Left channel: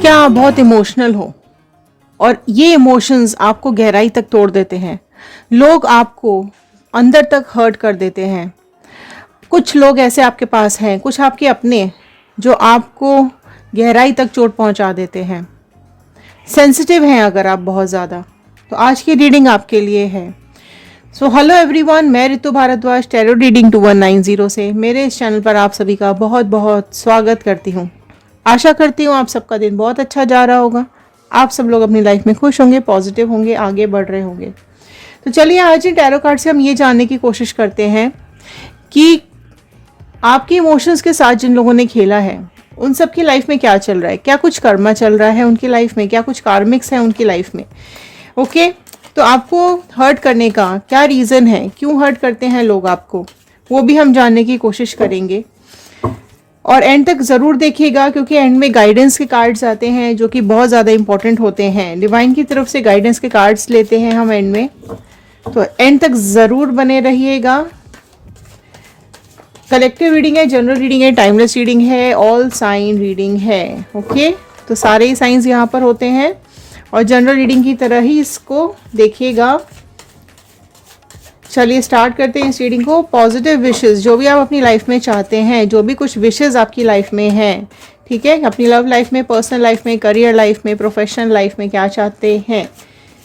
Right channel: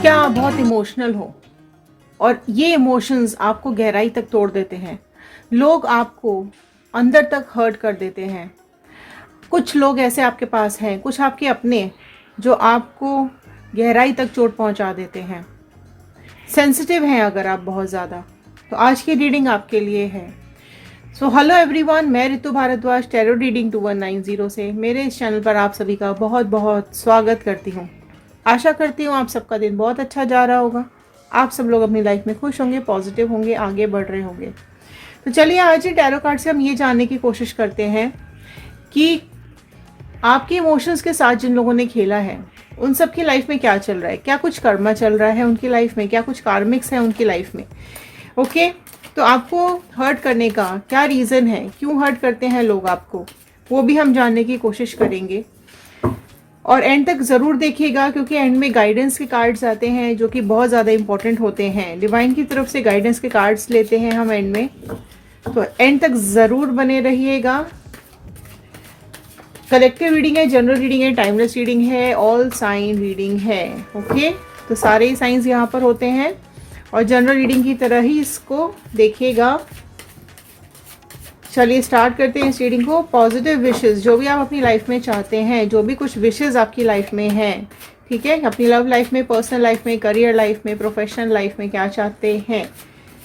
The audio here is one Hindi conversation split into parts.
क्या आप बहुत इमोशनल हो और ये इमोशंस आपको गहराई तक तोड़ देते हैं। लोग आपको अंदर तक हर्ट कर देते हैं। कुछ लोग ऐसे आपके पास हैं, कुछ आपके अपने, जो आपको गहराई तक चोट पहुंचा देते हैं। सेंसिटिव हैं अगर आप बहुत ज़्यादा, तो आज की रीडिंग आपके लिए है। सो हेलो एवरीवन, मैं ऋतु भारद्वाज टैरो रीडिंग 2190 से मेरे इस चैनल पर आप सभी का बहुत बहुत स्वागत करती हूँ। आशा करती हूँ आप सबका दिन बहुत अच्छा जा रहा होगा। आप सब लोग अपनी लाइफ में खुश होंगे, पॉजिटिव होंगे, आगे बढ़ रहे होंगे। तो चलिए आज ही टैरो कार्ड से हम ये जानने की कोशिश करते हैं कि आपके इमोशंस के साथ जिन लोगों ने खेला है उन सब की लाइफ में क्या चल रहा है, क्या कुछ कर्मा चल रहा है उनकी लाइफ में, क्या कुछ कार्मिक्स है उनकी लाइफ में। ओके, तो आपको हर्ट करने का क्या रीज़न है, क्यों हर्ट करते हैं लोग आपको, वो भी हम जानने की कोशिश करेंगे। और एंड तक ज़रूर देखिएगा क्योंकि एंड में गाइडेंस के कार्ड्स आते हैं जो कि बहुत ज़्यादा इंपॉर्टेंट होते हैं। डिवाइन की तरफ से गाइडेंस के कार्ड्स लेते हैं हम एंड में, तो एंड तक ज़रूर बने रहिएगा। कलेक्टिव रीडिंग है, जनरल रीडिंग है, टाइमलेस रीडिंग है, ऑल साइन रीडिंग है। ओके, तो सारे ही साइंस यहाँ पर होते हैं और जनरल रीडिंग की तरह ही इसको देखिएगा। चलिए स्टार्ट करते हैं इस रीडिंग को। पॉजिटिव विशेस, जो भी आप अपनी लाइफ में चाहते हैं, जो भी कुछ विशेस आपकी लाइफ में हैं, ठीक है, अपनी लव लाइफ में, पर्सनल लाइफ में, करियर लाइफ में, प्रोफेशनल लाइफ में क्या चाहते हैं,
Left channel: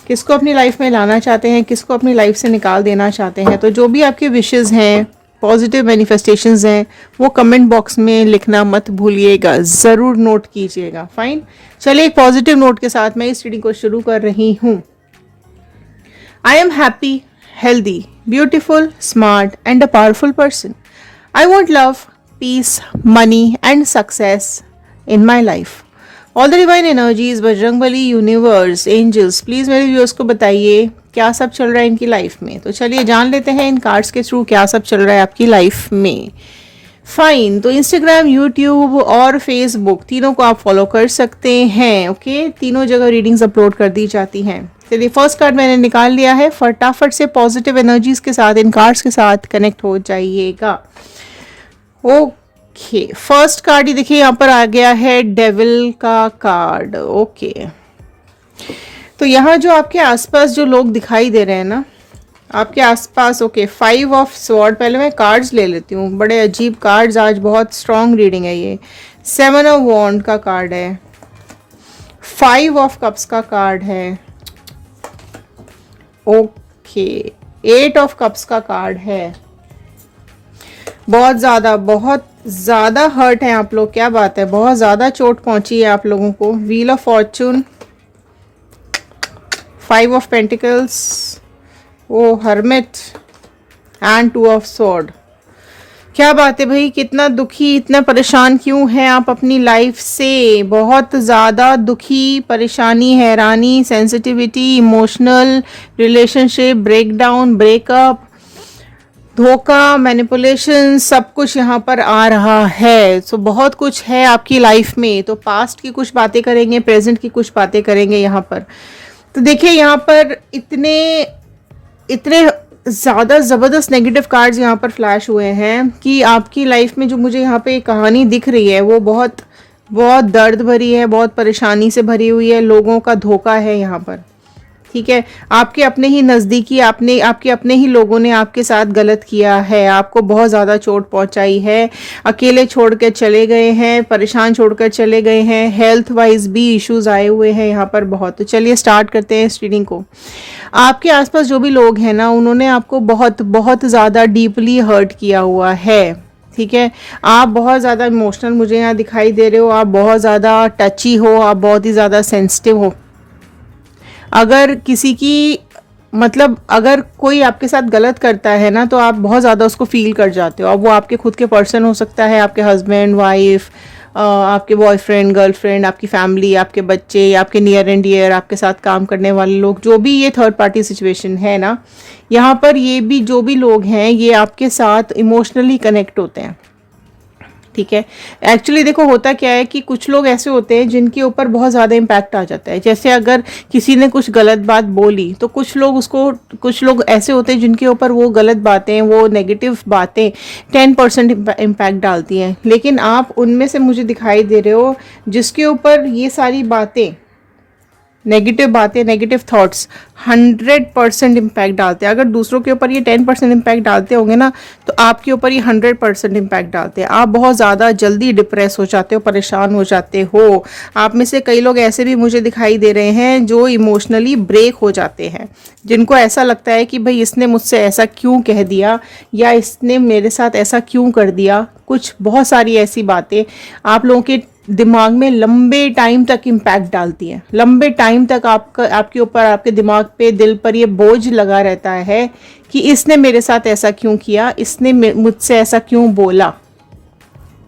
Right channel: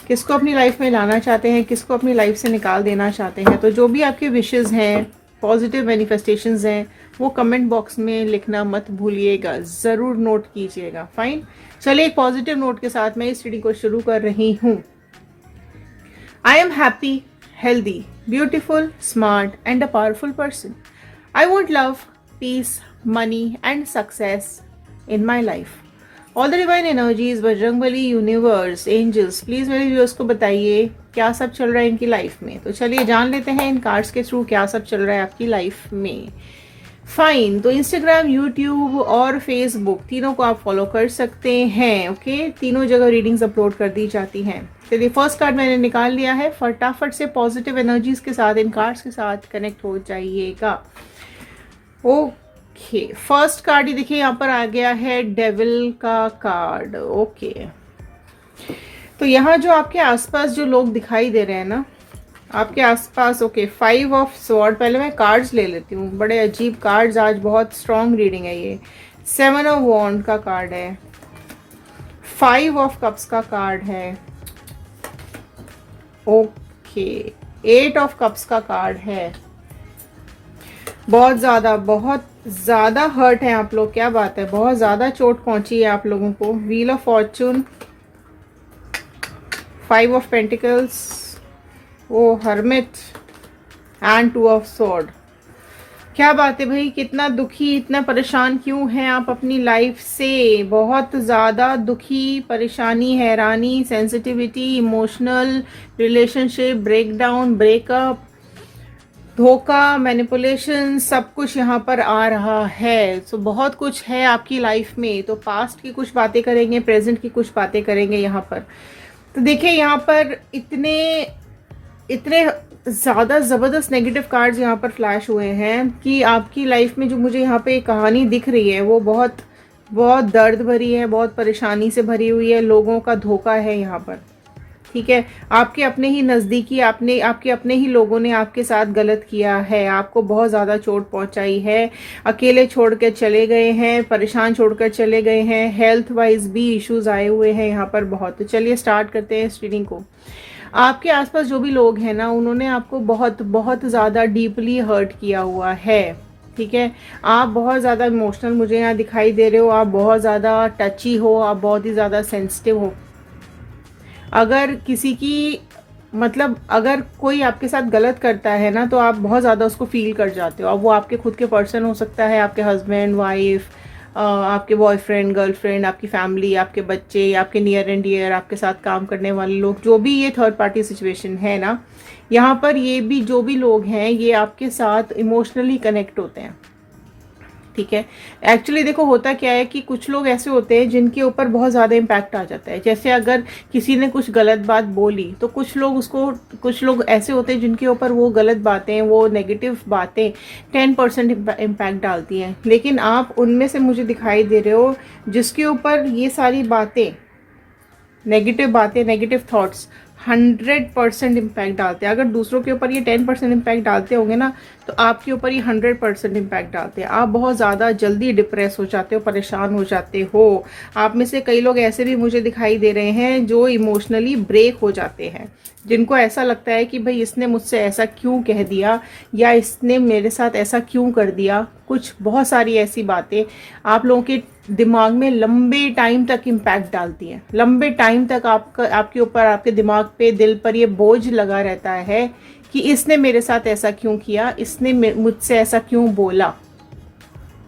किसको अपनी लाइफ में लाना चाहते हैं, किसको अपनी लाइफ से निकाल देना चाहते हैं, तो जो भी आपके विशेस हैं, पॉजिटिव मैनिफेस्टेशंस हैं, वो कमेंट बॉक्स में लिखना मत भूलिएगा, ज़रूर नोट कीजिएगा। फाइन, चलिए एक पॉजिटिव नोट के साथ मैं इस रीडिंग को शुरू कर रही हूँ। I am happy, healthy, beautiful, smart, and a powerful person. I want love, peace, money, and success in my life. All the divine energies, Bajrangbali, universe, angels, please मेरे व्यूअर्स को बताइए क्या सब चल रहा है इनकी लाइफ में। तो चलिए जान लेते हैं इन कार्ड्स के थ्रू क्या सब चल रहा है आपकी लाइफ में। फाइन, तो इंस्टाग्राम, यूट्यूब और फेसबुक तीनों को आप फॉलो कर सकते हैं। ओके, तीनों जगह रीडिंग्स अपलोड कर दी जाती हैं। चलिए फर्स्ट कार्ड मैंने निकाल लिया है, फटाफट से पॉजिटिव एनर्जीज के साथ इन कार्ड्स के साथ कनेक्ट हो जाइएगा। ओके, फर्स्ट कार्ड ही देखिए यहाँ पर आ गया है, डेविल का कार्ड। ओके, तो यहाँ जो आपके आसपास जो लोग दिखाई दे रहे हैं ना आपके आसपास, ओके, 5 ऑफ स्वॉर्ड, पहले मैं कार्ड्स ले लेती हूँ, बड़े अजीब कार्ड्स, आज बहुत स्ट्रॉन्ग रीडिंग है ये। 7 ऑफ वॉन्ड का कार्ड है, 5 ऑफ कप्स का कार्ड है, ओके, 8 ऑफ कप्स का कार्ड है। बहुत ज़्यादा हर्ट है आप लोग, क्या बात है, बहुत ज़्यादा चोट पहुंची है आप लोगों को। Wheel of fortune, 5 of pentacles, ओ हर्मिट, एंड 2 ऑफ स्वॉर्ड। क्या बात है भाई, कितना दुखी, इतना परेशान क्यों है आप अपनी लाइफ से? बहुत ज़्यादा दुखी, परेशानी, हैरानी, sensitivity, emotional, relationship breakdown, breakup, धोखा, मैनिपुलेशन, सब कुछ यहाँ पर आ रहा है। सो बहुत कुछ है आपकी लाइफ में। तो पास्ट की कुछ बातें करेंगे, प्रेजेंट की कुछ बातें करेंगे यहाँ पर। तो देखिए यहाँ पर इतने ज़्यादा ज़बरदस्त नेगेटिव कार्ड्स यहाँ पर फ्लैश हुए हैं कि आपकी लाइफ में जो मुझे यहाँ पे कहानी दिख रही है वो बहुत बहुत दर्द भरी है, बहुत परेशानी से भरी हुई है। लोगों का धोखा है यहाँ पर, ठीक है, आपके अपने ही नज़दीकी, आपके अपने ही लोगों ने आपके साथ गलत किया है, आपको बहुत ज़्यादा चोट पहुंचाई है, अकेले छोड़ कर चले गए हैं, परेशान छोड़कर चले गए हैं, हेल्थ वाइज भी इश्यूज आए हुए हैं यहाँ पर बहुत। तो चलिए स्टार्ट करते हैं इस रीडिंग को। आपके आसपास जो भी लोग हैं ना, उन्होंने आपको बहुत बहुत ज़्यादा डीपली हर्ट किया हुआ है, ठीक है। आप बहुत ज़्यादा इमोशनल मुझे यहाँ दिखाई दे रहे हो, आप बहुत ज़्यादा टची हो, आप बहुत ही ज़्यादा सेंसिटिव हो। अगर किसी की मतलब अगर कोई आपके साथ गलत करता है ना तो आप बहुत ज़्यादा उसको फील कर जाते हो। अब वो आपके खुद के पर्सन हो सकता है, आपके हस्बैंड, वाइफ, आपके बॉयफ्रेंड, गर्लफ्रेंड, आपकी फैमिली, आपके बच्चे, आपके नियर एंड डियर, आपके साथ काम करने वाले लोग, जो भी ये थर्ड पार्टी सिचुएशन है ना, यहाँ पर ये भी जो भी लोग हैं ये आपके साथ इमोशनली कनेक्ट होते हैं। ठीक है। एक्चुअली देखो होता क्या है कि कुछ लोग ऐसे होते हैं जिनके ऊपर बहुत ज़्यादा इम्पैक्ट आ जाता है। जैसे अगर किसी ने कुछ गलत बात बोली तो कुछ लोग ऐसे होते हैं जिनके ऊपर वो गलत बातें, वो नेगेटिव बातें 10% इम्पैक्ट डालती हैं। लेकिन आप उनमें से मुझे दिखाई दे रहे हो जिसके ऊपर ये सारी बातें, नेगेटिव थॉट्स 100% इम्पैक्ट डालते हैं। अगर दूसरों के ऊपर ये 10% इम्पैक्ट डालते होंगे ना, तो आपके ऊपर ये 100% इम्पैक्ट डालते हैं। आप बहुत ज़्यादा जल्दी डिप्रेस हो जाते हो, परेशान हो जाते हो। आप में से कई लोग ऐसे भी मुझे दिखाई दे रहे हैं जो इमोशनली ब्रेक हो जाते हैं, जिनको ऐसा लगता है कि भाई इसने मुझसे ऐसा क्यों कह दिया, या इसने मेरे साथ ऐसा क्यों कर दिया। कुछ बहुत सारी ऐसी बातें आप लोगों के दिमाग में लंबे टाइम तक इम्पैक्ट डालती है। लंबे टाइम तक आपके ऊपर, आपके दिमाग पे, दिल पर ये बोझ लगा रहता है कि इसने मेरे साथ ऐसा क्यों किया, इसने मुझसे ऐसा क्यों बोला।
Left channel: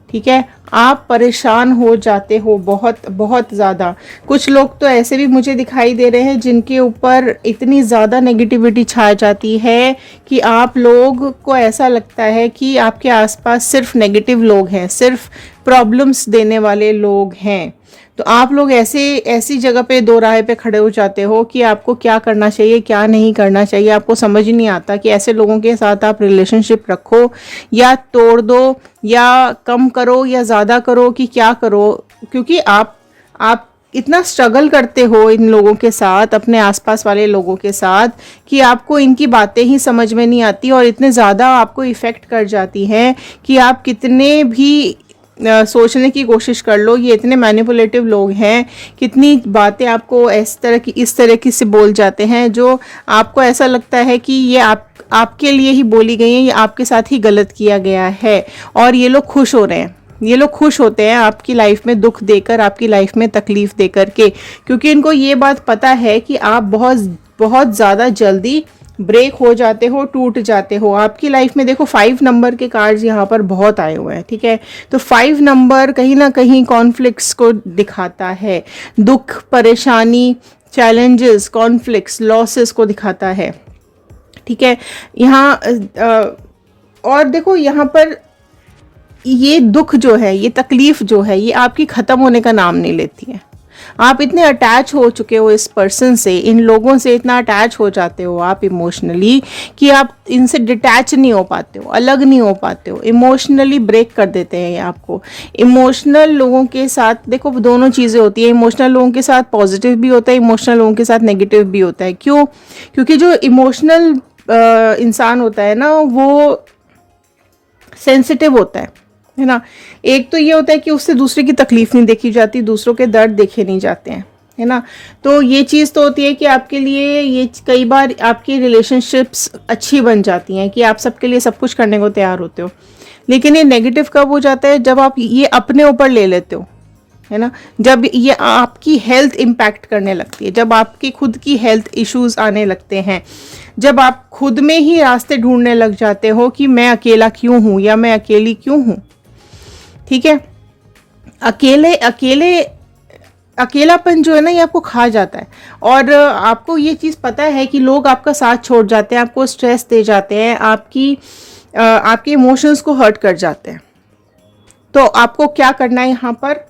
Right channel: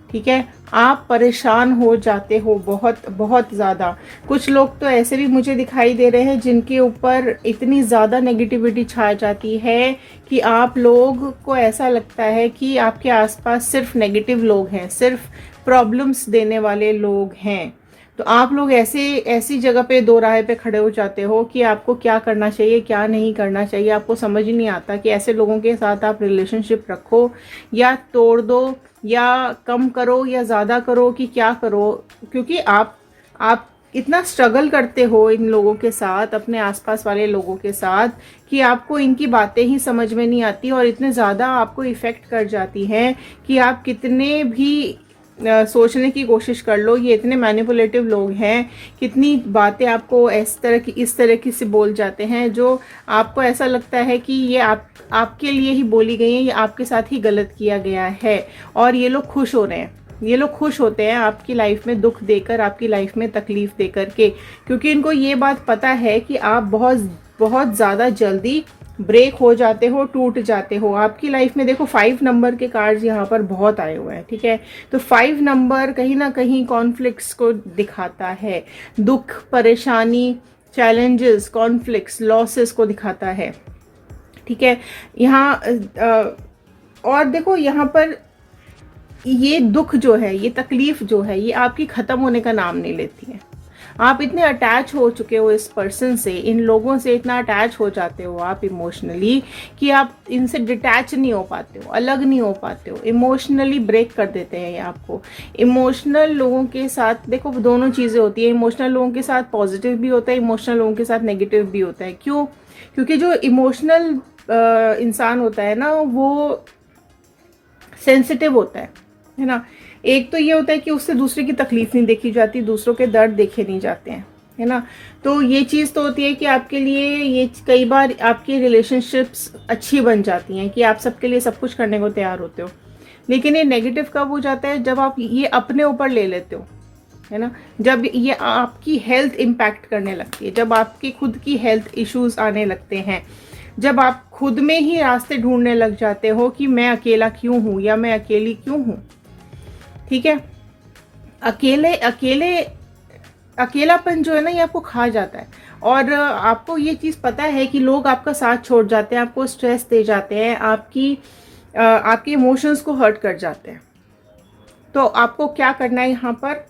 ठीक है, आप परेशान हो जाते हो बहुत बहुत ज़्यादा। कुछ लोग तो ऐसे भी मुझे दिखाई दे रहे हैं जिनके ऊपर इतनी ज़्यादा नेगेटिविटी छा जाती है कि आप लोग को ऐसा लगता है कि आपके आसपास सिर्फ नेगेटिव लोग हैं, सिर्फ प्रॉब्लम्स देने वाले लोग हैं। तो आप लोग ऐसी जगह पे दो राह पे खड़े हो जाते हो कि आपको क्या करना चाहिए, क्या नहीं करना चाहिए। आपको समझ ही नहीं आता कि ऐसे लोगों के साथ आप रिलेशनशिप रखो या तोड़ दो, या कम करो या ज़्यादा करो, कि क्या करो। क्योंकि आप इतना स्ट्रगल करते हो इन लोगों के साथ, अपने आसपास वाले लोगों के साथ, कि आपको इनकी बातें ही समझ में नहीं आती और इतने ज़्यादा आपको इफ़ेक्ट कर जाती हैं कि आप कितने भी सोचने की कोशिश कर लो, ये इतने मैनिपुलेटिव लोग हैं, कितनी बातें आपको इस तरह की से बोल जाते हैं जो आपको ऐसा लगता है कि ये आपके लिए ही बोली गई हैं, ये आपके साथ ही गलत किया गया है। और ये लोग खुश हो रहे हैं, ये लोग खुश होते हैं आपकी लाइफ में दुख देकर, आपकी लाइफ में तकलीफ देकर के, क्योंकि इनको ये बात पता है कि आप बहुत बहुत ज़्यादा जल्दी ब्रेक हो जाते हो, टूट जाते हो। आपकी लाइफ में देखो 5 नंबर के कार्ड्स यहाँ पर बहुत आए हुए हैं। ठीक है, तो 5 नंबर कहीं ना कहीं कॉन्फ्लिक्ट्स को दिखाता है, दुख, परेशानी, चैलेंजेस, कॉन्फ्लिक्ट्स, लॉसेस को दिखाता है। ठीक है, यहाँ और देखो यहाँ पर ये दुख जो है, ये तकलीफ जो है, ये आपकी ख़त्म होने का नाम नहीं लेती है। आप इतने अटैच हो चुके हो इस पर्सन से, इन लोगों से इतना अटैच हो जाते हो आप इमोशनली कि आप इनसे डिटैच नहीं हो पाते हो, अलग नहीं हो पाते हो। इमोशनली ब्रेक कर देते हैं ये आपको। इमोशनल लोगों के साथ देखो दोनों चीज़ें होती है। इमोशनल लोगों के साथ पॉजिटिव भी होता है, इमोशनल लोगों के साथ नेगेटिव भी होता है। क्यों? क्योंकि जो इमोशनल इंसान होता है ना, वो सेंसिटिव होता है ना। एक तो ये होता है कि उससे दूसरे की तकलीफ नहीं देखी जाती, दूसरों के दर्द देखे नहीं जाते हैं, है ना। तो ये चीज़ तो होती है कि आपके लिए ये कई बार आपकी रिलेशनशिप्स अच्छी बन जाती हैं कि आप सबके लिए सब कुछ करने को तैयार होते हो। लेकिन ये नेगेटिव कब हो जाता है? जब आप ये अपने ऊपर ले लेते हो, है ना। जब ये आपकी हेल्थ इम्पैक्ट करने लगती है, जब आपकी खुद की हेल्थ इश्यूज आने लगते हैं, जब आप खुद में ही रास्ते ढूंढने लग जाते हो कि मैं अकेला क्यों हूँ या मैं अकेली क्यों हूँ। ठीक है, अकेलापन जो है ना, ये आपको खा जाता है। और आपको ये चीज़ पता है कि लोग आपका साथ छोड़ जाते हैं, आपको स्ट्रेस दे जाते हैं, आपके इमोशंस को हर्ट कर जाते हैं। तो आपको क्या करना है यहाँ पर,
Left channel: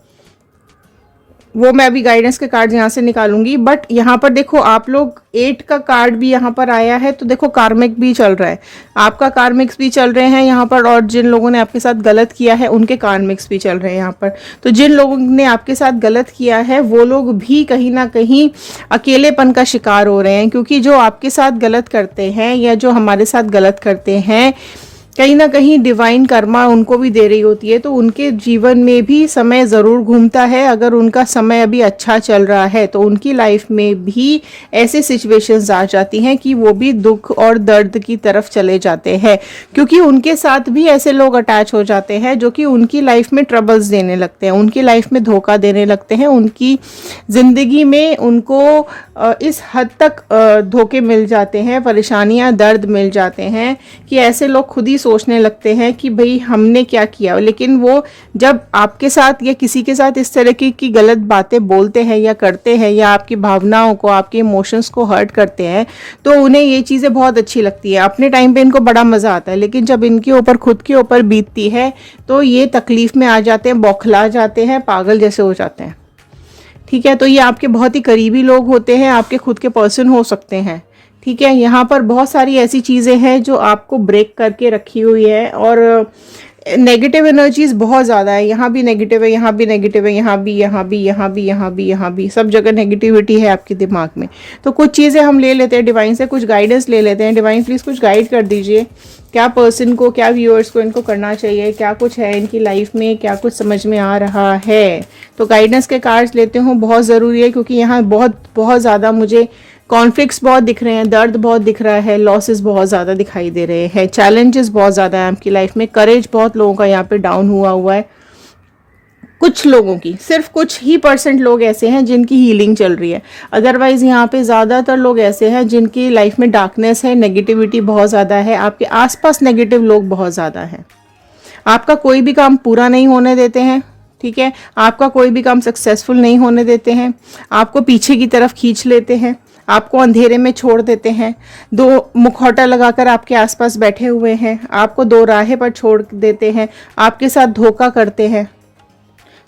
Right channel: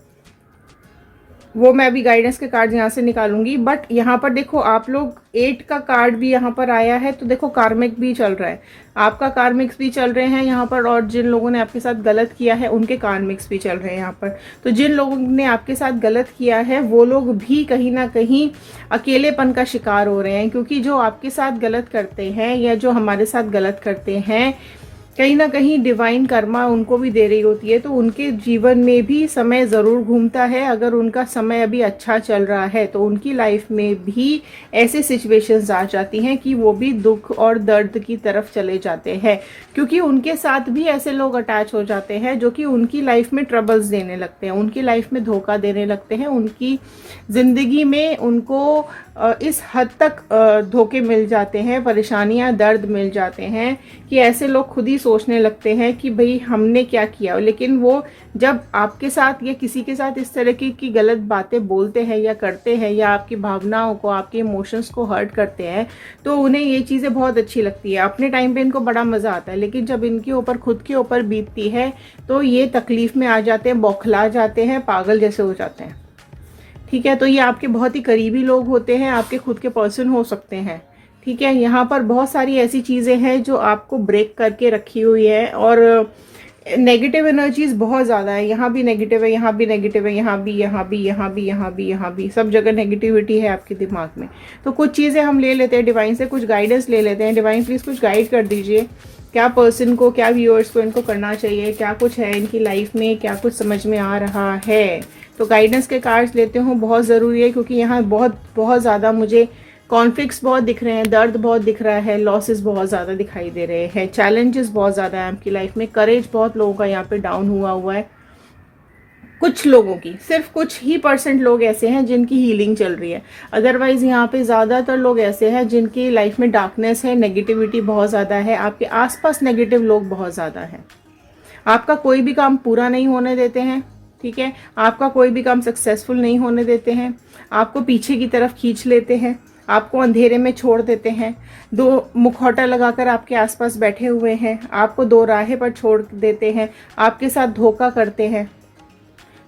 वो मैं अभी गाइडेंस के कार्ड यहाँ से निकालूंगी। बट यहाँ पर देखो आप लोग 8 का कार्ड भी यहाँ पर आया है, तो देखो कार्मिक भी चल रहा है, आपका कार्मिक्स भी चल रहे हैं यहाँ पर, और जिन लोगों ने आपके साथ गलत किया है उनके कार्मिक्स भी चल रहे हैं यहाँ पर। तो जिन लोगों ने आपके साथ गलत किया है वो लोग भी कहीं ना कहीं अकेलेपन का शिकार हो रहे हैं, क्योंकि जो आपके साथ गलत करते हैं या जो हमारे साथ गलत करते हैं, कहीं ना कहीं डिवाइन कर्मा उनको भी दे रही होती है। तो उनके जीवन में भी समय ज़रूर घूमता है। अगर उनका समय अभी अच्छा चल रहा है तो उनकी लाइफ में भी ऐसे सिचुएशंस आ जाती हैं कि वो भी दुख और दर्द की तरफ चले जाते हैं, क्योंकि उनके साथ भी ऐसे लोग अटैच हो जाते हैं जो कि उनकी लाइफ में ट्रबल्स देने लगते हैं, उनकी लाइफ में धोखा देने लगते हैं, उनकी ज़िंदगी में उनको इस हद तक धोखे मिल जाते हैं, परेशानियां, दर्द मिल जाते हैं कि ऐसे लोग खुद ही सोचने लगते हैं कि भाई हमने क्या किया, लेकिन वो जब आपके साथ या किसी के साथ इस तरह की गलत बातें बोलते हैं या करते हैं या आपकी भावनाओं को, आपके इमोशंस को हर्ट करते हैं, तो उन्हें ये चीज़ें बहुत अच्छी लगती है। अपने टाइम पे इनको बड़ा मज़ा आता है, लेकिन जब इनके ऊपर, खुद के ऊपर बीतती है, तो ये तकलीफ़ में आ जाते हैं, बौखला जाते हैं, पागल जैसे हो जाते हैं। ठीक है, तो ये आपके बहुत ही करीबी लोग होते हैं, आपके खुद के पर्सन हो सकते हैं। ठीक है, यहाँ पर बहुत सारी ऐसी चीज़ें हैं जो आपको ब्रेक करके रखी हुई है, और नेगेटिव एनर्जीज बहुत ज़्यादा है। यहाँ भी नेगेटिव है, यहाँ भी नेगेटिव है, यहाँ भी, यहाँ भी, यहाँ भी, यहाँ भी, यहाँ भी, सब जगह नेगेटिविटी है आपके दिमाग में। तो कुछ चीज़ें हम ले लेते हैं डिवाइन से, कुछ गाइडेंस ले लेते हैं। डिवाइन प्लीज़ कुछ गाइड कर दीजिए, क्या पर्सन को, क्या व्यूअर्स को इनको करना चाहिए, क्या कुछ है इनकी लाइफ में, क्या कुछ समझ में आ रहा है। तो गाइडेंस के कार्ड्स लेते हूँ, बहुत ज़रूरी है, क्योंकि यहाँ बहुत बहुत ज़्यादा मुझे कॉन्फ्लिक्ट्स बहुत दिख रहे हैं, दर्द बहुत दिख रहा है, लॉसेस बहुत ज़्यादा दिखाई दे रहे हैं, चैलेंजेस बहुत ज़्यादा है आपकी लाइफ में, करेज बहुत लोगों का यहाँ पे डाउन हुआ है। कुछ लोगों की, सिर्फ कुछ ही % लोग ऐसे हैं जिनकी हीलिंग चल रही है, अदरवाइज यहाँ पे ज़्यादातर लोग ऐसे हैं जिनकी लाइफ में डार्कनेस है, नेगेटिविटी बहुत ज़्यादा है, आपके आसपास नेगेटिव लोग बहुत ज़्यादा हैं, आपका कोई भी काम पूरा नहीं होने देते हैं। ठीक है, आपका कोई भी काम सक्सेसफुल नहीं होने देते हैं, आपको पीछे की तरफ खींच लेते हैं, आपको अंधेरे में छोड़ देते हैं, दो मुखौटा लगाकर आपके आसपास बैठे हुए हैं, आपको दो राहें पर छोड़ देते हैं, आपके साथ धोखा करते हैं।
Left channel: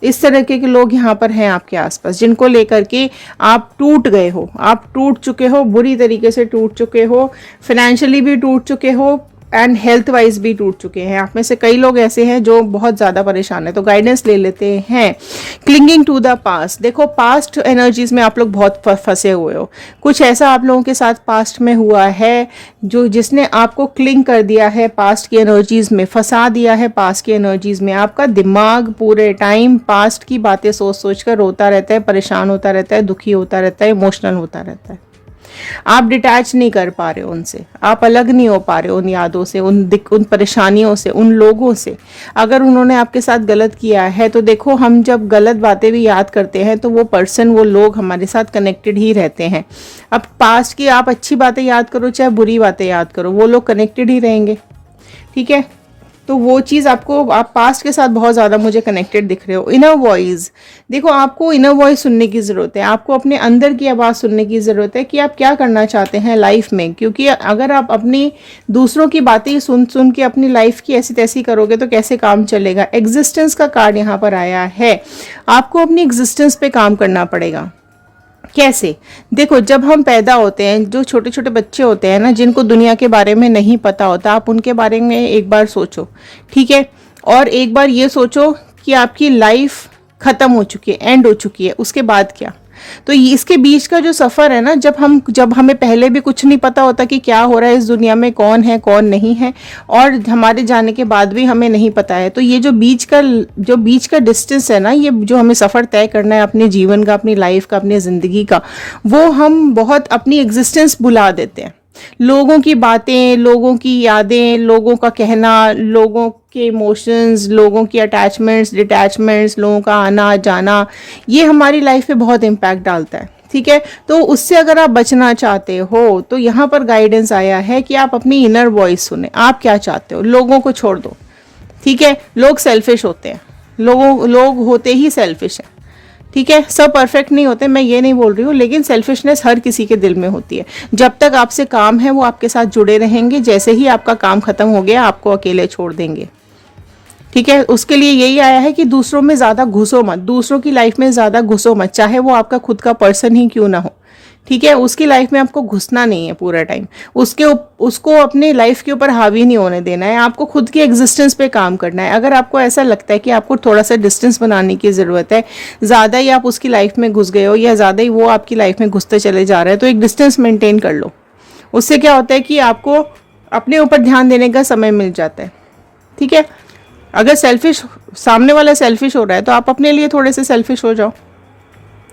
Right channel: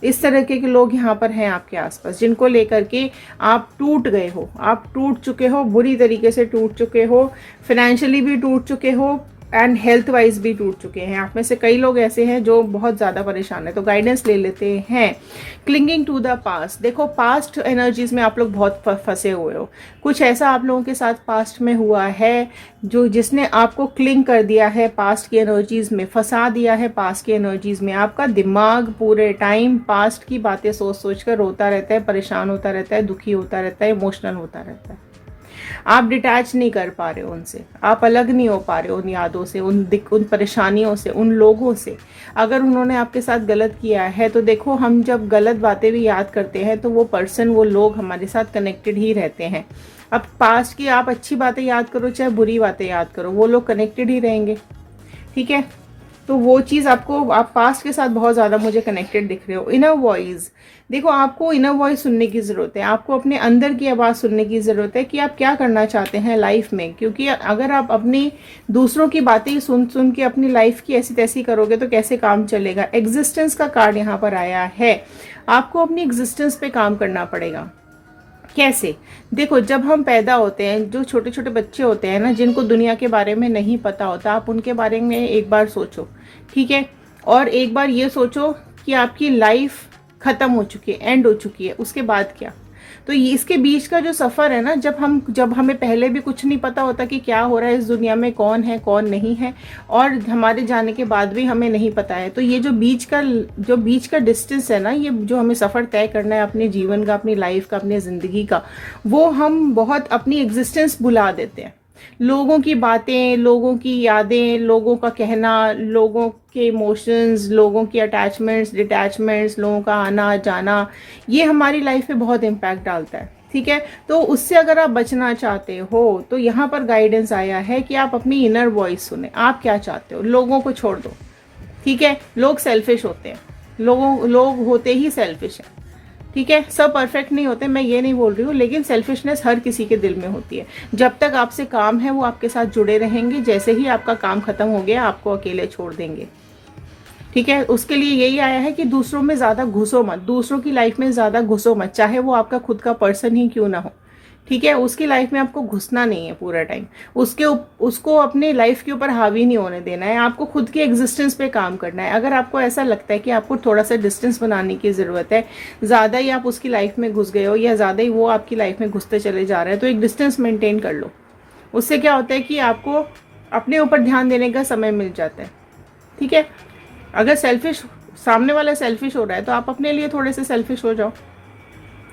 इस तरह के लोग यहाँ पर हैं आपके आसपास, जिनको लेकर के आप टूट गए हो, आप टूट चुके हो, बुरी तरीके से टूट चुके हो, फाइनेंशियली भी टूट चुके हो, एंड हेल्थ वाइज भी टूट चुके हैं। आप में से कई लोग ऐसे हैं जो बहुत ज़्यादा परेशान है। तो गाइडेंस ले लेते हैं। क्लिंगिंग टू द पास्ट, देखो पास्ट एनर्जीज में आप लोग बहुत फंसे हुए हो, कुछ ऐसा आप लोगों के साथ पास्ट में हुआ है जो जिसने आपको क्लिंग कर दिया है, पास्ट की एनर्जीज में फंसा दिया है, पास्ट की एनर्जीज में। आपका दिमाग पूरे टाइम पास्ट की बातें सोच सोच कर रोता रहता है, परेशान होता रहता है, दुखी होता रहता है, इमोशनल होता रहता है। आप डिटैच नहीं कर पा रहे हो उनसे, आप अलग नहीं हो पा रहे हो उन यादों से, उन परेशानियों से, उन लोगों से। अगर उन्होंने आपके साथ गलत किया है तो देखो, हम जब गलत बातें भी याद करते हैं तो वो पर्सन, वो लोग हमारे साथ कनेक्टेड ही रहते हैं। अब पास्ट की आप अच्छी बातें याद करो चाहे बुरी बातें याद करो, वो लोग कनेक्टेड ही रहेंगे। ठीक है, तो वो चीज़ आपको, आप पास्ट के साथ बहुत ज़्यादा मुझे कनेक्टेड दिख रहे हो। इनर वॉइस, देखो आपको इनर वॉइस सुनने की ज़रूरत है, आपको अपने अंदर की आवाज़ सुनने की ज़रूरत है कि आप क्या करना चाहते हैं लाइफ में। क्योंकि अगर आप अपनी दूसरों की बातें सुन सुन के अपनी लाइफ की ऐसी तैसी करोगे तो कैसे काम चलेगा। एग्जिस्टेंस का कार्ड यहाँ पर आया है, आपको अपनी एग्जिस्टेंस पे काम करना पड़ेगा। कैसे, देखो जब हम पैदा होते हैं, जो छोटे छोटे बच्चे होते हैं ना, जिनको दुनिया के बारे में नहीं पता होता, आप उनके बारे में एक बार सोचो। ठीक है, और एक बार ये सोचो कि आपकी लाइफ खत्म हो चुकी है, एंड हो चुकी है, उसके बाद क्या। तो इसके बीच का जो सफ़र है ना, जब हमें पहले भी कुछ नहीं पता होता कि क्या हो रहा है इस दुनिया में, कौन है कौन नहीं है, और हमारे जाने के बाद भी हमें नहीं पता है। तो ये जो बीच का डिस्टेंस है ना, ये जो हमें सफ़र तय करना है अपने जीवन का, अपनी लाइफ का, अपनी ज़िंदगी का, वो हम बहुत अपनी एग्जिस्टेंस भुला देते हैं। लोगों की बातें, लोगों की यादें, लोगों का कहना, लोगों के इमोशंस, लोगों की अटैचमेंट्स, डिटैचमेंट्स, लोगों का आना जाना, ये हमारी लाइफ पे बहुत इम्पैक्ट डालता है। ठीक है, तो उससे अगर आप बचना चाहते हो तो यहाँ पर गाइडेंस आया है कि आप अपनी इनर वॉइस सुने, आप क्या चाहते हो। लोगों को छोड़ दो। ठीक है, लोग सेल्फिश होते हैं, लोग होते ही सेल्फिश हैं। ठीक है, सब परफेक्ट नहीं होते, मैं ये नहीं बोल रही हूँ, लेकिन सेल्फिशनेस हर किसी के दिल में होती है। जब तक आपसे काम है वो आपके साथ जुड़े रहेंगे, जैसे ही आपका काम खत्म हो गया आपको अकेले छोड़ देंगे। ठीक है, उसके लिए यही आया है कि दूसरों में ज़्यादा घुसो मत, दूसरों की लाइफ में ज़्यादा घुसो मत, चाहे वो आपका खुद का पर्सन ही क्यों ना हो। ठीक है, उसकी लाइफ में आपको घुसना नहीं है पूरा टाइम, उसको अपने लाइफ के ऊपर हावी नहीं होने देना है, आपको खुद की एग्जिस्टेंस पे काम करना है। अगर आपको ऐसा लगता है कि आपको थोड़ा सा डिस्टेंस बनाने की ज़रूरत है, ज़्यादा ही आप उसकी लाइफ में घुस गए हो या ज़्यादा ही वो आपकी लाइफ में घुसते चले जा रहे हैं, तो एक डिस्टेंस मेंटेन कर लो। उससे क्या होता है कि आपको अपने ऊपर ध्यान देने का समय मिल जाता है। ठीक है, अगर सामने वाला सेल्फिश हो रहा है तो आप अपने लिए थोड़े से सेल्फिश हो जाओ।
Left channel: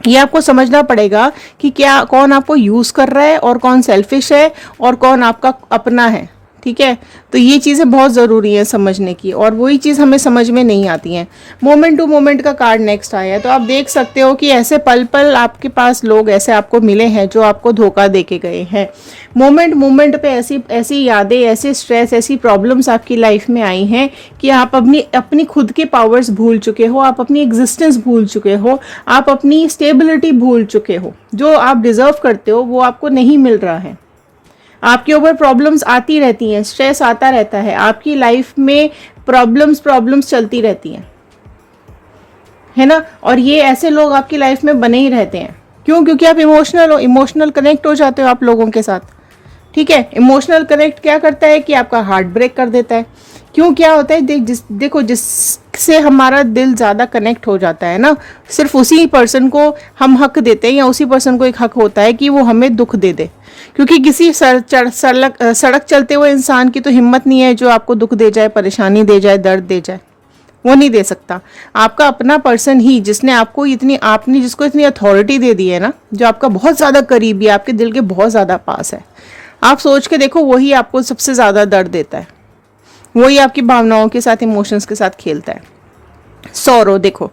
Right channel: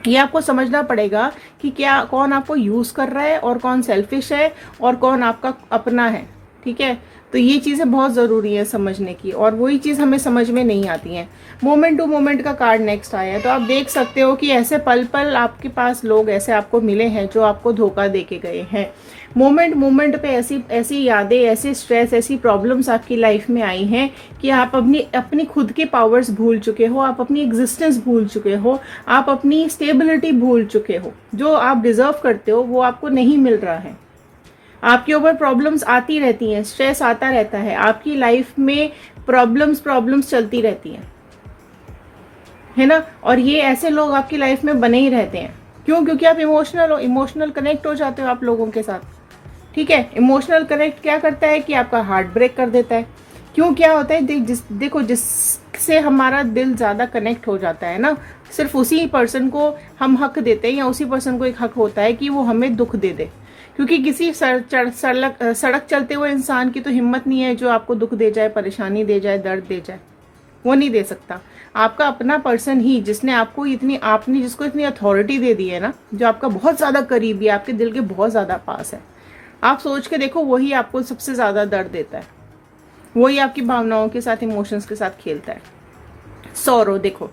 ये आपको समझना पड़ेगा कि कौन आपको यूज़ कर रहा है और कौन सेल्फिश है और कौन आपका अपना है। ठीक है। तो ये चीज़ें बहुत ज़रूरी है समझने की, और वही चीज़ हमें समझ में नहीं आती हैं। मोमेंट टू मोमेंट का कार्ड नेक्स्ट आया है, तो आप देख सकते हो कि ऐसे पल पल आपके पास लोग ऐसे आपको मिले हैं जो आपको धोखा दे के गए हैं। मोमेंट मोमेंट पे ऐसी ऐसी यादें, ऐसे स्ट्रेस, ऐसी प्रॉब्लम्स आपकी लाइफ में आई हैं कि आप अपनी अपनी खुद के पावर्स भूल चुके हो, आप अपनी एग्जिस्टेंस भूल चुके हो, आप अपनी स्टेबिलिटी भूल चुके हो। जो आप डिजर्व करते हो वो आपको नहीं मिल रहा है। आपके ऊपर प्रॉब्लम्स आती रहती हैं, स्ट्रेस आता रहता है, आपकी लाइफ में प्रॉब्लम्स चलती रहती हैं, है ना। और ये ऐसे लोग आपकी लाइफ में बने ही रहते हैं। क्यों? क्योंकि आप इमोशनल हो, इमोशनल कनेक्ट हो जाते हो आप लोगों के साथ, ठीक है। इमोशनल कनेक्ट क्या करता है कि आपका हार्ट ब्रेक कर देता है। क्यों? क्या होता है, देखो जिससे हमारा दिल ज़्यादा कनेक्ट हो जाता है ना, सिर्फ उसी पर्सन को हम हक देते हैं, या उसी पर्सन को एक हक होता है कि वो हमें दुख दे दे। क्योंकि किसी सड़क चलते हुए इंसान की तो हिम्मत नहीं है जो आपको दुख दे जाए, परेशानी दे जाए, दर्द दे जाए, वो नहीं दे सकता। आपका अपना पर्सन ही, जिसने आपको आपने जिसको इतनी अथॉरिटी दे दी है ना, जो आपका बहुत ज़्यादा करीबी है, आपके दिल के बहुत ज़्यादा पास है, आप सोच के देखो, वही आपको सबसे ज़्यादा दर्द देता है, वही आपकी भावनाओं के साथ, इमोशंस के साथ खेलता है। सौरो देखो,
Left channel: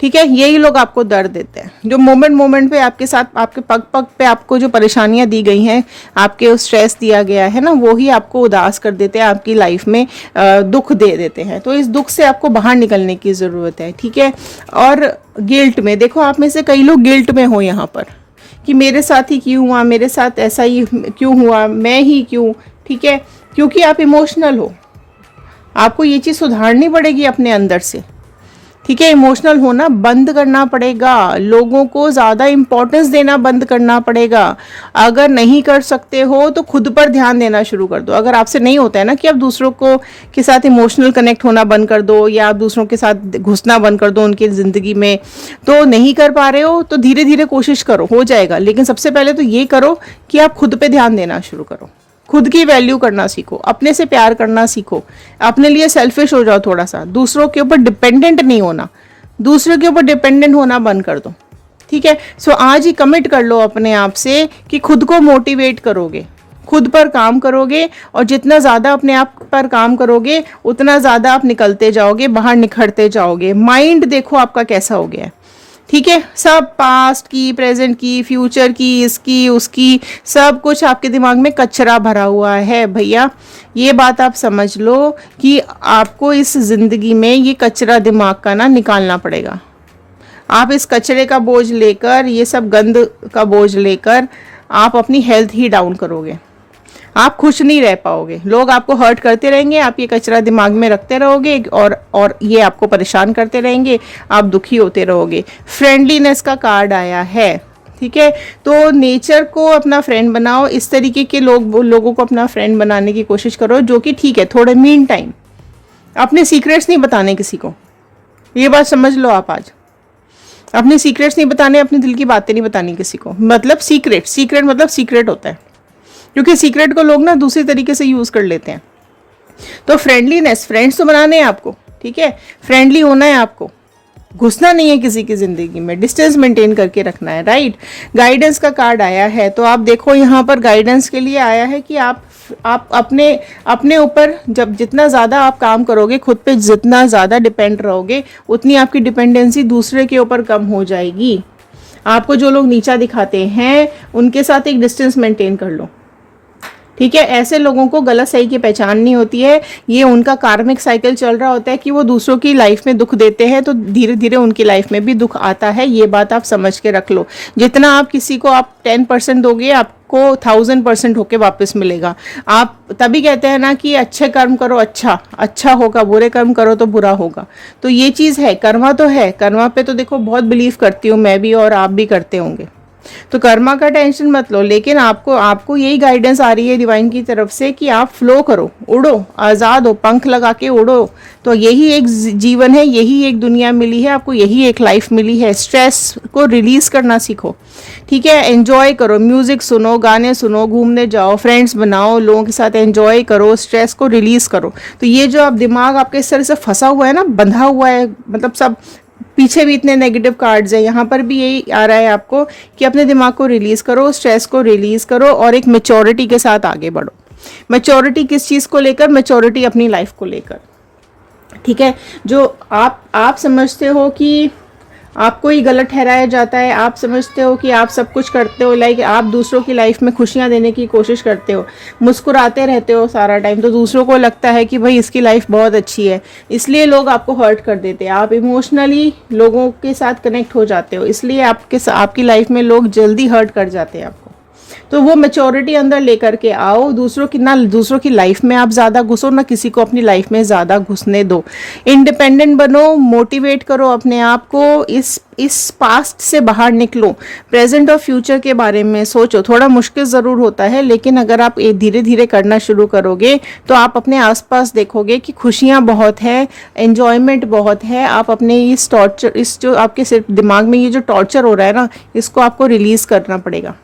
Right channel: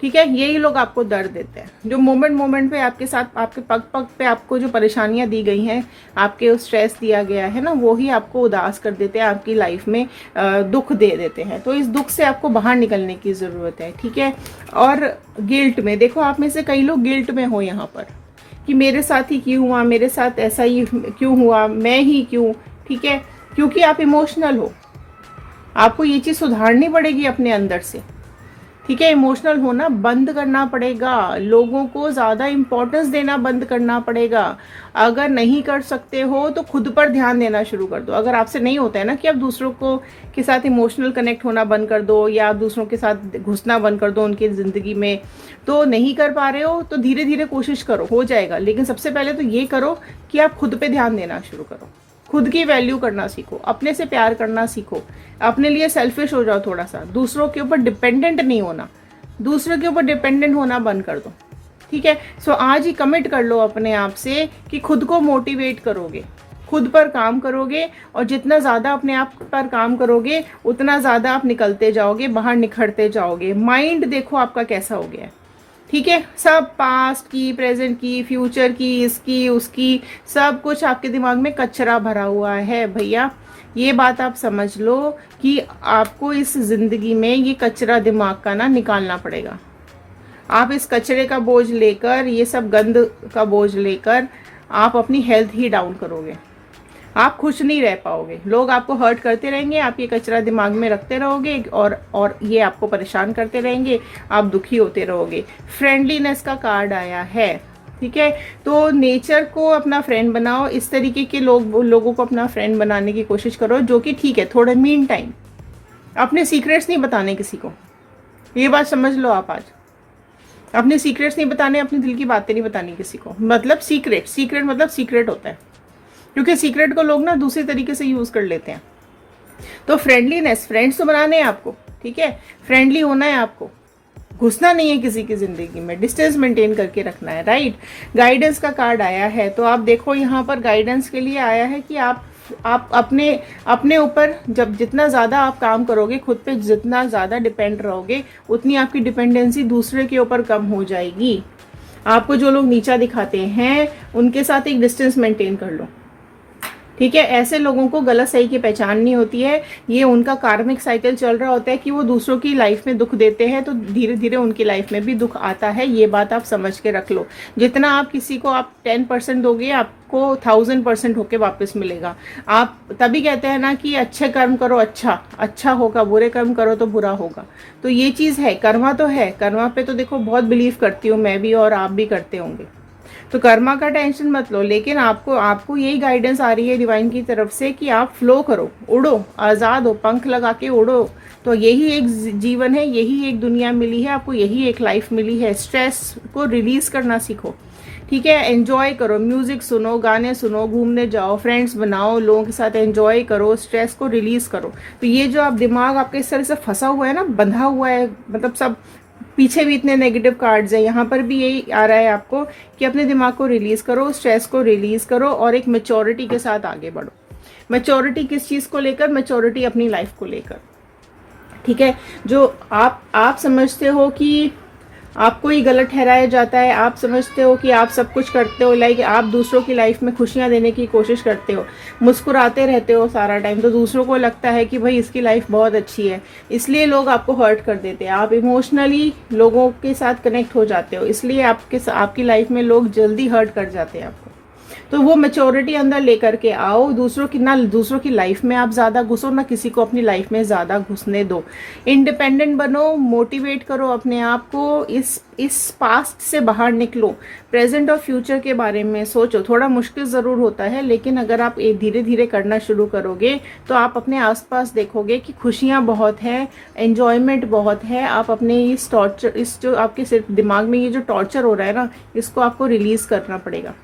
ठीक है, यही लोग आपको दर्द देते हैं। जो मोमेंट मोमेंट पे आपके साथ, आपके पग पग पे आपको जो परेशानियां दी गई हैं, आपके स्ट्रेस दिया गया है ना, वो ही आपको उदास कर देते हैं, आपकी लाइफ में दुख दे देते हैं। तो इस दुख से आपको बाहर निकलने की ज़रूरत है, ठीक है। और गिल्ट में देखो, आप में से कई लोग गिल्ट में हो यहाँ पर कि मेरे साथ ही क्यों हुआ, मेरे साथ ऐसा ही क्यों हुआ, मैं ही क्यों, ठीक है। क्योंकि आप इमोशनल हो, आपको ये चीज़ सुधारनी पड़ेगी अपने अंदर से, ठीक है। इमोशनल होना बंद करना पड़ेगा, लोगों को ज़्यादा इम्पोर्टेंस देना बंद करना पड़ेगा। अगर नहीं कर सकते हो तो खुद पर ध्यान देना शुरू कर दो। अगर आपसे नहीं होता है ना कि आप दूसरों को के साथ इमोशनल कनेक्ट होना बंद कर दो, या आप दूसरों के साथ घुसना बंद कर दो उनकी ज़िंदगी में, तो नहीं कर पा रहे हो तो धीरे धीरे कोशिश करो, हो जाएगा। लेकिन सबसे पहले तो ये करो कि आप खुद पे ध्यान देना शुरू करो, खुद की वैल्यू करना सीखो, अपने से प्यार करना सीखो, अपने लिए सेल्फिश हो जाओ थोड़ा सा, दूसरों के ऊपर डिपेंडेंट नहीं होना, दूसरों के ऊपर डिपेंडेंट होना बंद कर दो, ठीक है। सो आज ही कमिट कर लो अपने आप से कि खुद को मोटिवेट करोगे, खुद पर काम करोगे, और जितना ज़्यादा अपने आप पर काम करोगे उतना ज़्यादा आप निकलते जाओगे, बाहर निखरते जाओगे। माइंड देखो आपका कैसा हो गया है, ठीक है। सब पास्ट की, प्रेजेंट की, फ्यूचर की, इसकी उसकी, सब कुछ आपके दिमाग में कचरा भरा हुआ है भैया। ये बात आप समझ लो कि आपको इस ज़िंदगी में ये कचरा दिमाग का ना निकालना पड़ेगा। आप इस कचरे का बोझ लेकर, ये सब गंद का बोझ लेकर आप अपनी हेल्थ ही डाउन करोगे, आप खुश नहीं रह पाओगे। लोग आपको हर्ट करते रहेंगे, आप ये कचरा दिमाग में रखते रहोगे, और ये आपको परेशान करते रहेंगे, आप दुखी होते रहोगे। फ्रेंडलीनेस का कार्ड आया है, ठीक है। तो नेचर को अपना फ्रेंड बनाओ, इस तरीके के लोगों को अपना फ्रेंड बनाने की कोशिश करो, जो कि ठीक है, थोड़े मीन टाइम। अपने सीक्रेट्स नहीं बताने किसी को, ये बात समझ लो आप आज। अपने सीक्रेट्स नहीं बताने, अपने दिल की बातें नहीं बतानी किसी को। मतलब सीक्रेट मतलब सीक्रेट होता है, क्योंकि सीक्रेट को लोग ना दूसरे तरीके से यूज कर लेते हैं। तो फ्रेंडलीनेस, फ्रेंड्स तो बनाने हैं आपको, ठीक है, फ्रेंडली होना है आपको, घुसना नहीं है किसी की जिंदगी में, डिस्टेंस मेंटेन करके रखना है, राइट। गाइडेंस का कार्ड आया है, तो आप देखो यहाँ पर गाइडेंस के लिए आया है कि आप अपने ऊपर जब जितना ज़्यादा आप काम करोगे, खुद पे जितना ज़्यादा डिपेंड रहोगे, उतनी आपकी डिपेंडेंसी दूसरे के ऊपर कम हो जाएगी। आपको जो लोग नीचा दिखाते हैं उनके साथ एक डिस्टेंस मेंटेन कर लो, ठीक है। ऐसे लोगों को गलत सही की पहचान नहीं होती है, ये उनका कार्मिक साइकिल चल रहा होता है कि वो दूसरों की लाइफ में दुख देते हैं, तो धीरे धीरे उनकी लाइफ में भी दुख आता है। ये बात आप समझ के रख लो। जितना आप किसी को आप 10% दोगे, आपको 1000% होके वापस मिलेगा। आप तभी कहते हैं ना कि अच्छे कर्म करो अच्छा होगा, बुरे कर्म करो तो बुरा होगा। तो ये चीज़ है, कर्मा तो है, कर्मा पे तो देखो बहुत बिलीव करती हूँ मैं भी, और आप भी करते होंगे। तो कर्मा का टेंशन मत लो, लेकिन आपको यही गाइडेंस आ रही है डिवाइन की तरफ से कि आप फ्लो करो, उड़ो, आज़ाद हो, पंख लगा के उड़ो। तो यही एक जीवन है, यही एक दुनिया मिली है आपको, यही एक लाइफ मिली है। स्ट्रेस को रिलीज करना सीखो, ठीक है। एंजॉय करो, म्यूजिक सुनो, गाने सुनो, घूमने जाओ, फ्रेंड्स बनाओ, लोगों के साथ एंजॉय करो, स्ट्रेस को रिलीज करो। तो ये जो आप दिमाग आपके इस तरह से फंसा हुआ है ना, बंधा हुआ है, मतलब सब पीछे भी इतने नेगेटिव कार्ड्स हैं, यहाँ पर भी यही आ रहा है आपको कि अपने दिमाग को रिलीज करो, स्ट्रेस को रिलीज करो, और एक मेच्योरिटी के साथ आगे बढ़ो। मैच्योरिटी किस चीज़ को लेकर? मैच्योरिटी अपनी लाइफ को लेकर, ठीक है। जो आप समझते हो कि आपको ही गलत ठहराया जाता है, आप समझते हो कि आप सब कुछ करते हो, लाइक आप दूसरों की लाइफ में खुशियां देने की कोशिश करते हो, मुस्कुराते रहते हो सारा टाइम, तो दूसरों को लगता है कि भाई इसकी लाइफ बहुत अच्छी है, इसलिए लोग आपको हर्ट कर देते हैं। आप इमोशनली लोगों के साथ कनेक्ट हो जाते हो, इसलिए आपकी लाइफ में लोग जल्दी हर्ट कर जाते हैं आपको। तो वो मैच्योरिटी अंदर लेकर के आओ, दूसरों की लाइफ में आप ज़्यादा घुसो, ना किसी को अपनी लाइफ में ज़्यादा घुसने दो। इंडिपेंडेंट बनो, मोटिवेट करो अपने आप को, इस पास्ट से बाहर निकलो, प्रेजेंट और फ्यूचर के बारे में सोचो। थोड़ा मुश्किल ज़रूर होता है, लेकिन अगर आप धीरे धीरे करना शुरू करोगे तो आप अपने आसपास देखोगे कि खुशियाँ बहुत है, एन्जॉयमेंट बहुत है। आप अपने इस जो आपके सिर्फ दिमाग में ये जो टॉर्चर हो रहा है ना, इसको आपको रिलीज़ करना पड़ेगा,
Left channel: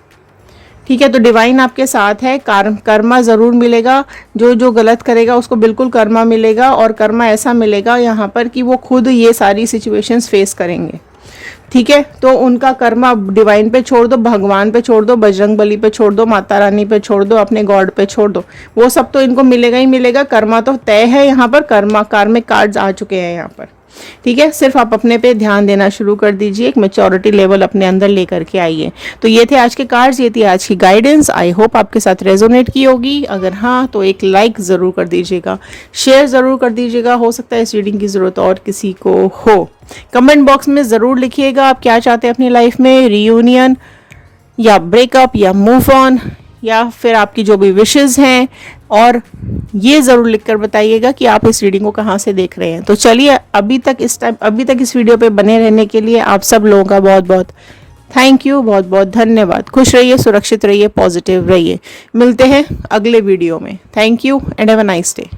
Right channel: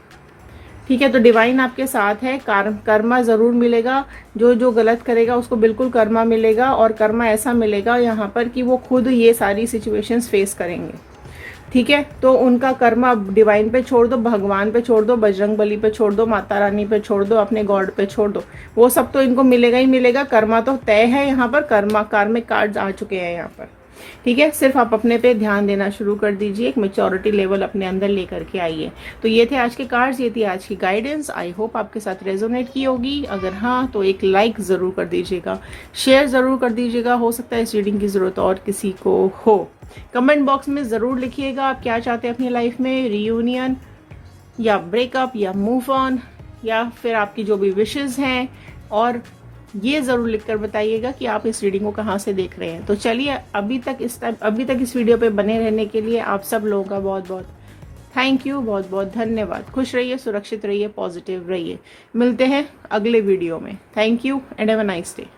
ठीक है। तो डिवाइन आपके साथ है, कर्मा ज़रूर मिलेगा। जो गलत करेगा उसको बिल्कुल कर्मा मिलेगा, और कर्मा ऐसा मिलेगा यहाँ पर कि वो खुद ये सारी सिचुएशंस फेस करेंगे, ठीक है। तो उनका कर्मा डिवाइन पे छोड़ दो, भगवान पे छोड़ दो, बजरंग बली पे छोड़ दो, माता रानी पे छोड़ दो, अपने गॉड पे छोड़ दो, वो सब तो इनको मिलेगा ही मिलेगा। कर्मा तो तय है यहाँ पर, कार्मिक कार्ड्स आ चुके हैं यहाँ पर, ठीक है। सिर्फ आप अपने पे ध्यान देना शुरू कर दीजिए, एक मैच्योरिटी लेवल अपने अंदर लेकर के आइए। तो ये थे आज के कार्ड्स, ये थी आज की गाइडेंस। आई होप आपके साथ रेजोनेट की होगी। अगर हाँ तो एक लाइक ज़रूर कर दीजिएगा, शेयर ज़रूर कर दीजिएगा, हो सकता है इस रीडिंग की ज़रूरत और किसी को हो। कमेंट बॉक्स में ज़रूर लिखिएगा आप क्या चाहते हैं अपनी लाइफ में, रीयूनियन या ब्रेकअप या मूव ऑन, या फिर आपकी जो भी विशेज़ हैं, और ये ज़रूर लिखकर बताइएगा कि आप इस रीडिंग को कहाँ से देख रहे हैं। तो चलिए, अभी तक इस वीडियो पे बने रहने के लिए आप सब लोगों का बहुत बहुत थैंक यू, बहुत बहुत धन्यवाद। खुश रहिए, सुरक्षित रहिए, पॉजिटिव रहिए। मिलते हैं अगले वीडियो में। Thank you and have a nice day.